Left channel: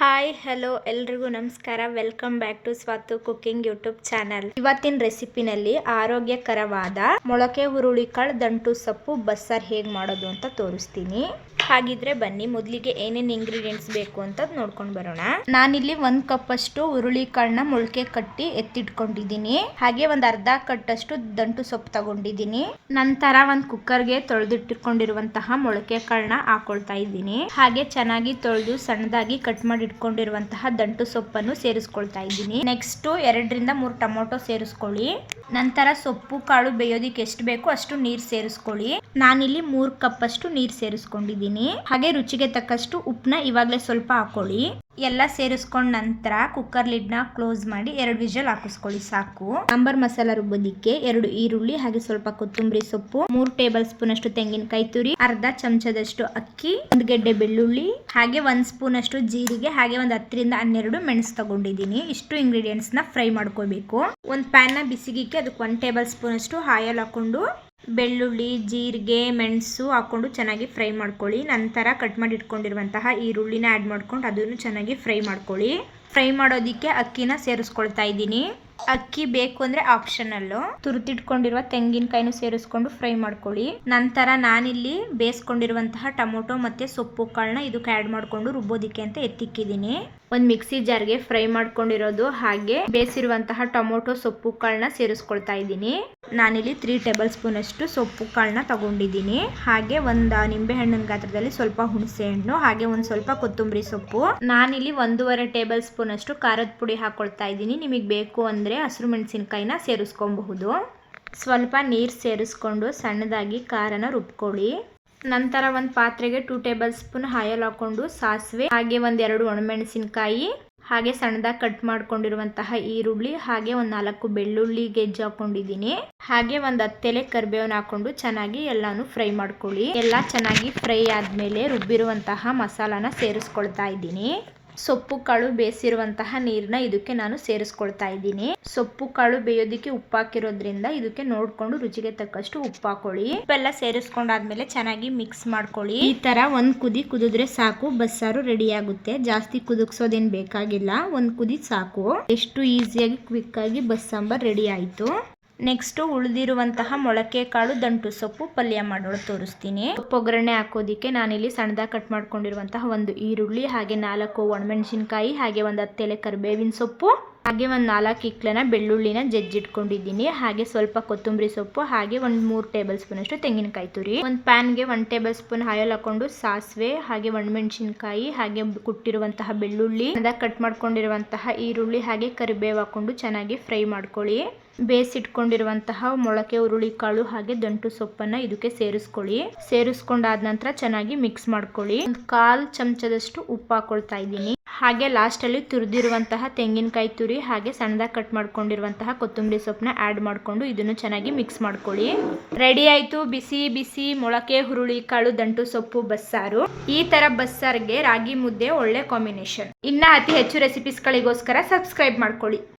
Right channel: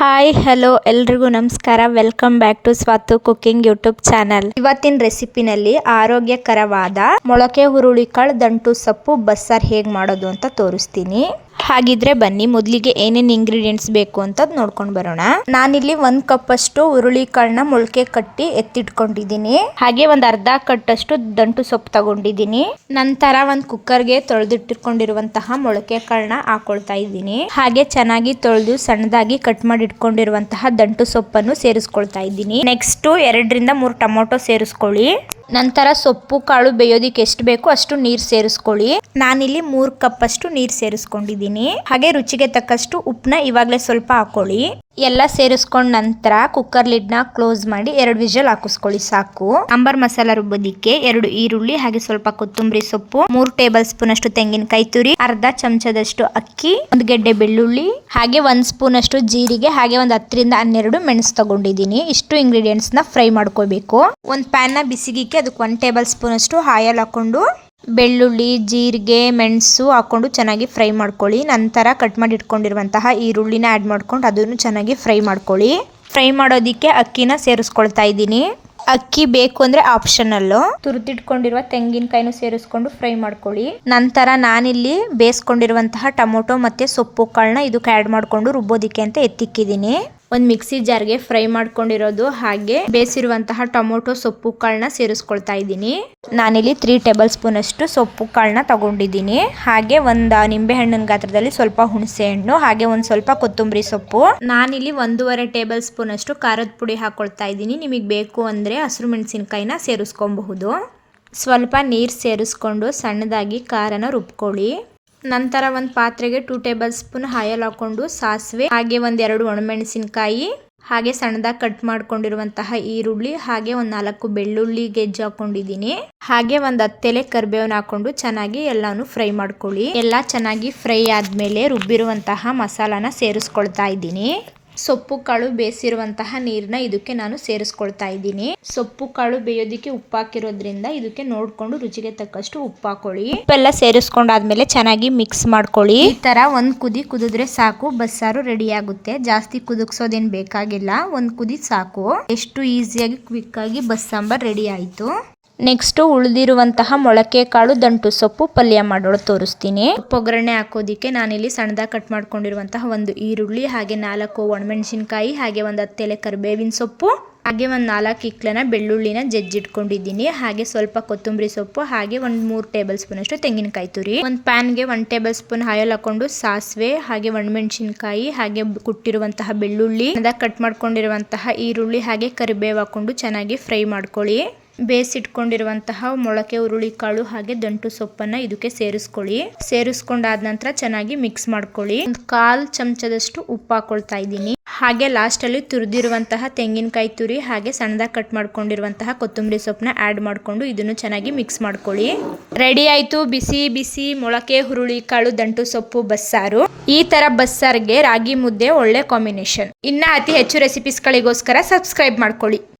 Hi hello ಎಲ್ರಿಗೂ ನಮಸ್ಕಾರ. Welcome back to Swathu cooking YouTube channel. ಇವತ್ತಿನ ರೆಸಿಪಿನಲ್ಲಿ ಆರೋಗ್ಯಕರವಾದ ಮೊಳಕೆ ಹುರುಳಿಕಾಳು ದಂಟು ಸೊಪ್ಪು ಬಸ್ಸಾರು ಹೇಗೆ ಮಾಡೋದು ಅಂತ ತೋರಿಸ್ತೀನಿ. ಹಾಗಿದ್ರೆ ಬನ್ನಿ ಮೊದಲಿಗೆ ಏನೇನು ಇಂಗ್ರೀಡಿಯೆಂಟ್ಸ್ ಬೇಕು ಅಂತ ನೋಡ್ಕೊಂಡು ಬರೋಣ. ನಾನಿಲ್ಲಿ 1 ಕಪ್ ಅಷ್ಟು ಹುರುಳಿಕಾಳನ್ನ ಮೊಳಕೆ ಕಟ್ಟಿ ಎತ್ತಿಟ್ಕೊಂಡಿದ್ದೀನಿ. ಹಾಗೆ ಒಂದು ಅರ್ಧ ಕಟ್ಟಷ್ಟು ದಂಟು ಸೊಪ್ಪು ತಗೊಂಡಿದ್ದೀನಿ. ನಂತರ ಒಂದು ಕುಕ್ಕರ್ಗೆ ತೊಳೆದಿಟ್ಟಿಟ್ಕೊಂಡಿರುವಂತಹ ಮೊಳಕೆ ಕಾಳನ್ನ ಹಾಕೊಳ್ತಾ ಇದ್ದೀನಿ. ಹಾಗೆ ಚೆನ್ನಾಗಿ ತೊಳೆದು ಸಣ್ಣದಾಗಿ ಕಟ್ ಮಾಡಿ ಇಟ್ಕೊಂಡಿರುವಂತಹ ದಂಟು ಸೊಪ್ಪನ್ನು ಸೇರಿಸ್ಕೊಳ್ತಾ ಇದ್ದೀನಿ. ನೆಕ್ಸ್ಟ್ 2 ರಿಂದ 3 ಟೊಮೊಟೊ ಸೇರಿಸ್ಕೊಳ್ಳಿ. ನಂತರ ಸೊಪ್ಪು ಕಾಳು ಬೇಯೋದಿಕ್ಕೆ ಎಷ್ಟು ಬೇಕು ಅಷ್ಟು ನೀರು ಸೇರಿಸ್ಕೊಳ್ಳಿ. ನಾನಿಲ್ಲಿ 3 ಕಪ್ ಅಷ್ಟು ನೀರು ಸೇರಿಸ್ಕೊಂಡಿದ್ದೀನಿ. ಹಾಗೆ ರುಚಿಗೆ ತಕ್ಕಷ್ಟು ಉಪ್ಪನ್ನ ಇವಾಗಲೇ ಸ್ವಲ್ಪ ಹಾಕೊಳ್ಳಿ. ಎಲ್ಲ ಸೇರಿಸ್ಕೊಂಡ ನಂತರ ಕುಕ್ಕರ್ ಲಿಡ್ನ ಕ್ಲೋಸ್ ಮಾಡಿ 2 ವಿಷಲ್ ಹಾಕಿಸ್ಕೊಳ್ಳಿ ಸಾಕು. ಸಾಂಬಾರ್ ಮಸಾಲ ರುಬ್ಬೋದಿಕ್ಕೆ 2 ಈರುಳ್ಳಿ, ಹಾಗೆ ಸ್ವಲ್ಪ ಕೊತ್ತಂಬರಿ ಸೊಪ್ಪು, 3 ಟೇಬಲ್ ಸ್ಪೂನ್ ಅಷ್ಟು ತೆಂಗಿನಕಾಯಿ ತುರಿ, ಅರ್ಧ ಚಮಚದಷ್ಟು ಅಕ್ಕಿ, 1 ಗೆಡ್ಡೆ ಬೆಳ್ಳುಳ್ಳಿ, ಹಾಗೆ 1 ಸ್ಪೂನ್ ಅಷ್ಟು ಜೀರಿಗೆ, ಹಾಗೆ ಒಂದು 10 ರಿಂದ 12 ಮೆಣಸು ತಗೊಂಡಿದ್ದೀನಿ. ಇಷ್ಟು ಇಂಗ್ರೀಡಿಯೆಂಟ್ಸ್ ನ ಫ್ರೈ ಮಾಡ್ಕೋಬೇಕು. ಒಂದು ಪ್ಯಾನ್ ನ ಬಿಸಿಗಿಕ್ಕೆ ಅದಕ್ಕೆ 1 ಟೇಬಲ್ ಸ್ಪೂನ್ ಅಷ್ಟು ಆಯಿಲ್ ಹಾಕೊಂಡು ಬೆಳ್ಳುಳ್ಳಿ, ಜೀರಿಗೆ, ಮೆಣಸು ಹಾಕೊಂಡು ಚೆನ್ನಾಗಿ ಫ್ರೈ ಮಾಡ್ಕೊಳ್ಳಿ. ನಂತರ ಕಟ್ ಮಾಡಿ ಇಟ್ಕೊಂಡಿರುವಂತಹ ಈರುಳ್ಳಿನ ಆ್ಯಡ್ ಮಾಡ್ಕೊಂಡು ಅದನ್ನು ಚೆನ್ನಾಗಿ ಫ್ರೈ ಮಾಡ್ಕೊಳ್ಳಿ. ಫ್ರೈ ಮಾಡೋದಿಕ್ಕೆ ಅಕ್ಕಿನ ಸೇರಿಸ್ಕೊಳ್ತಾ ಇದ್ದೀನಿ. ಅಕ್ಕಿ ಬೇಕು ಅಂದರೆ ಆಪ್ಷನಲ್ಲು. ತುರಿದಿಟ್ಕೊಂಡಿರುವ ತೆಂಗಿನಕಾಯಿನೂ ಸೇರಿಸ್ಕೊಂಡು ಫ್ರೈ ಮಾಡ್ಕೊಳ್ಳಿ. ನಂತರ ನಾನಿಲ್ಲಿ ಬೇಯಿಸ್ಕೊಂಡಿರುವಂತಹ ಟೊಮೊಟೊ ಮತ್ತು ಸೊಪ್ಪು ಕಾಳನ್ನ ಇದಕ್ಕೆ ಆ್ಯಡ್ ಮಾಡಿಕೊಂಡು ರುಬ್ಬೋದಿಕ್ಕೆ ಅಂತ ಎತ್ತಿಕ್ಕಿದ್ದೀನಿ. ಒಂದು ಮಿಕ್ಸಿ ಜಾರ್ಗೆ ಫ್ರೈ ಮಾಡ್ಕೊಂಡಿರೋದು ಹಾಗೆ ಬೇಯಿಸಿರುವಂತಹ ಟೊಮೊಟೊ ಸೊಪ್ಪು ಕಾಳನ್ನ ಸೇರಿಸ್ಕೊಳ್ತಾ ಇದ್ದೀನಿ. ನಾನಿಲ್ಲಿ 3 ಟೇಬಲ್ ಸ್ಪೂನ್ ಅಷ್ಟು ಸೊಪ್ಪು ಕಾಳನ್ನ ತಗೊಂಡಿದ್ದೀನಿ. ಹಾಗೆ ಒಂದು ನಿಂಬೆ ಹಣ್ಣಿನ ಗಾತ್ರದಲ್ಲಿ ಸ್ವಲ್ಪ ಹುಣಸೆ ಹಣ್ಣು, ಹಾಗೆ ಒಂದು ಸ್ವಲ್ಪ ಕೊತ್ತಂಬರಿ ಸೊಪ್ಪು. ನಾನಿಲ್ಲಿ 1.5 ಟೇಬಲ್ ಸ್ಪೂನ್ ಅಷ್ಟು ಖಾರದ ಪುಡಿ ಹಾಕೊಳ್ತಾ ಇದ್ದೀನಿ. ನಿಮಗೆ ಬೇಕು ಅಂದರೆ ಹಸಿರು ಮೆಣಸಿನಕಾಯಿನ ಸೇರಿಸ್ಕೊಬಹುದು. ಸ್ವಲ್ಪ ನೀರು ಸೇರಿಸ್ಕೊಂಡು ಸಣ್ಣದಾಗಿ ಖಾರನ ರುಬ್ಕೊಳ್ಳಿ. ನಂತರ ಒಂದು ಪಾತ್ರೆಗೆ 2 ಟೇಬಲ್ ಸ್ಪೂನ್ ಆಯಿಲ್ ಹಾಕೊಂಡು ಸಾಸಿವೆ, ಹಾಗೆ 1-2 ಒಣಮೆಣಸಿನಕಾಯಿ, ಹಾಗೆ ಸಣ್ಣದಾಗಿ ಕಟ್ ಮಾಡ್ಕೊಂಡಿರುವಂತಹ ಈರುಳ್ಳಿ, ಹಾಗೆ ಒಂದು 4 ಬೆಳ್ಳುಳ್ಳಿ ಗೆಜ್ಜೆ ಹಾಕೊಂಡಿದ್ದೀನಿ. ಹಾಗೆ ಒಂದು 10 ಎಲೆ ಕರಿಬೇವನ್ನ ಹಾಕೊಂಡು ಚೆನ್ನಾಗಿ ಎಲ್ಲಾನು ಫ್ರೈ ಮಾಡ್ಕೊಳ್ಳಿ. ಎಲ್ಲ ಚೆನ್ನಾಗಿ ಫ್ರೈ ಆದಮೇಲೆ ರುಬ್ಬಿರುವಂತಹ ಮಸಾಲಾನ ಸೇರಿಸ್ಕೊಳ್ತಾ ಇದ್ದೀನಿ. ಸೊಪ್ಪು ಕಾಳು ಬೇಯಿಸಿರುವಂತಹ ನೀರನ್ನ ಇದಕ್ಕೆ ನಾನು ಸೇರಿಸ್ಕೊಳ್ತಾ ಇದ್ದೀನಿ. ಸೊಪ್ಪು ಕಾಳು ಬೇಯೋದಿಕ್ಕೆ ಉಪ್ಪು ಹಾಕಿರೋದ್ರಿಂದ ಇದಕ್ಕೆ ನೋಡ್ಕೊಂಡು ರುಚಿಗೆ ತಕ್ಕಷ್ಟು ಉಪ್ಪು ಹಾಕೊಳ್ಳಿ. ಉಪ್ಪೆಲ್ಲ ಸೇರಿಸ್ಕೊಂಡಾದ್ಮೇಲೆ ಚೆನ್ನಾಗಿ ಮಿಕ್ಸ್ ಮಾಡ್ಕೊಳ್ಳಿ. ಈ ತರ ಒಂದು ಕುದಿ ಕುದಿದ್ರೆ ಸಾಕು, ಬಸ್ಸಾರು ರೆಡಿ ಆಗುತ್ತೆ. ಜಾಸ್ತಿ ಕುದಿಸೋದೇನು ಬೇಕಾಗಿಲ್ಲ, ಒಂದು ಕುದಿ ಸಾಕು. ಎಷ್ಟು ಈಸಿಯಾಗಿ ಕ್ವಿಕ್ ಆಗಿ ಬಸ್ಸಾಂಬಾರ್ ರೆಡಿ ಆಯಿತು. ನೆಕ್ಸ್ಟ್ ಉಳಿದಿರುವಂತಹ ಮೊಳಕೆ ಕಾಳು ದಂಟು ಸೊಪ್ಪು ಪಲ್ಯ ಮಾಡೋದು ತೋರಿಸ್ತೀನಿ. ಒಗ್ಗರಣೆ ಹಾಕೋದಿಕ್ಕೆ ನಾನಿಲ್ಲಿ ಸಣ್ಣದಾಗಿ ಕಟ್ ಮಾಡ್ಕೊಂಡಿರುವಂತಹ 1 ಈರುಳ್ಳಿ, ಹಾಗೆ 4 ಒಣಮೆಣಸಿನಕಾಯಿ, ಹಾಗೆ ಒಂದು 10 ಎಲೆ ಕರಿಬೇವಿನ ಸೊಪ್ಪು, ಹಾಗೆ ಒಂದು 4 ಇಕ್ಲನ ಬೆಳ್ಳುಳ್ಳಿನ ಜಜ್ಜಿಟ್ಕೊಂಡಿದ್ದೀನಿ. ಹಾಗೆ ಸ್ವಲ್ಪ ಕೊತ್ತಂಬರಿ ಸೊಪ್ಪು, ಹಾಗೆ ಒಂದು 3 ಟೇಬಲ್ ಸ್ಪೂನ್ ಅಷ್ಟು ತೆಂಗಿನಕಾಯಿ ತುರಿ. ಒಂದು ಪ್ಯಾನ್ಗೆ 1 ಟೇಬಲ್ ಸ್ಪೂನ್ ಆಯಿಲ್ ಹಾಕೊಂಡು ಸಾಸಿವೆ, ಹಾಗೆ ಒಣಮೆಣಸಿನಕಾಯಿ, ಹಾಗೆ ಕುಟ್ಟಿರುವಂತಹ ಬೆಳ್ಳುಳ್ಳಿ, ಕಟ್ ಮಾಡ್ಕೊಂಡಿರುವಂತಹ ಈರುಳ್ಳಿ, ಹಾಗೆ ಕರಿಬೇವು ಹಾಕೊಂಡು ಚೆನ್ನಾಗಿ ಫ್ರೈ ಮಾಡ್ಕೊಳ್ಳಿ. ಬೇಯಿಸಿಟ್ಕೊಂಡಿರುವಂತಹ ಮೊಳಕೆ ಹುರುಳಿಕಾಳು ಹಾಗೆ ದಂಟು ಸೊಪ್ಪನ್ನ ಇದಕ್ಕೆ ಸೇರಿಸ್ಕೊಳ್ಳಿ. ಸೇರಿಸ್ಕೊಂಡಾದ ನಂತರ ಚೆನ್ನಾಗಿ ಮಿಕ್ಸ್ ಮಾಡ್ಕೊಳ್ಳಿ. ಒಂದು 1/4 ಚಮಚದಷ್ಟು ಉಪ್ಪು ಹಾಕೊಳ್ತಾ ಇದ್ದೀನಿ. ಹಾಗೆ ಲಾಸ್ಟ್ ಅಲ್ಲಿ ತುರಿದಿರುವಂತಹ ತೆಂಗಿನಕಾಯಿ ತುರಿ, ಹಾಗೆ ಸಣ್ಣದಾಗಿ ಕಟ್ ಮಾಡ್ಕೊಂಡಿರುವಂತಹ ಕೊತ್ತಂಬರಿ ಸೊಪ್ಪನ್ನ ಆ್ಯಡ್ ಮಾಡಿಕೊಂಡು ಇದನ್ನು ಚೆನ್ನಾಗಿ ಮಿಕ್ಸ್ ಮಾಡ್ಕೊಳ್ಳಿ. ರೆಡಿ ಆಯ್ತು ಬಿಸಿ ಬಿಸಿ ಮೊಳಕೆ ಹುರುಳಿಕಾಳು ದಂಟು ಸೊಪ್ಪು ಬಸ್ಸಾರು. ಈ ತರ ಬಸ್ಸಾರ್ಗೆ ರಾಗಿ ಮುದ್ದೆ ಒಳ್ಳೆ ಕಾಂಬಿನೇಷನ್. ಇನ್ನ ಅತಿ ಹೆಚ್ಚು ರೆಸಿಪೀಸ್ಗಳಿಗೋಸ್ಕರ ಸಬ್ಸ್ಕ್ರೈಬ್ ಮಾಡ್ಕೊಳ್ಳಿ.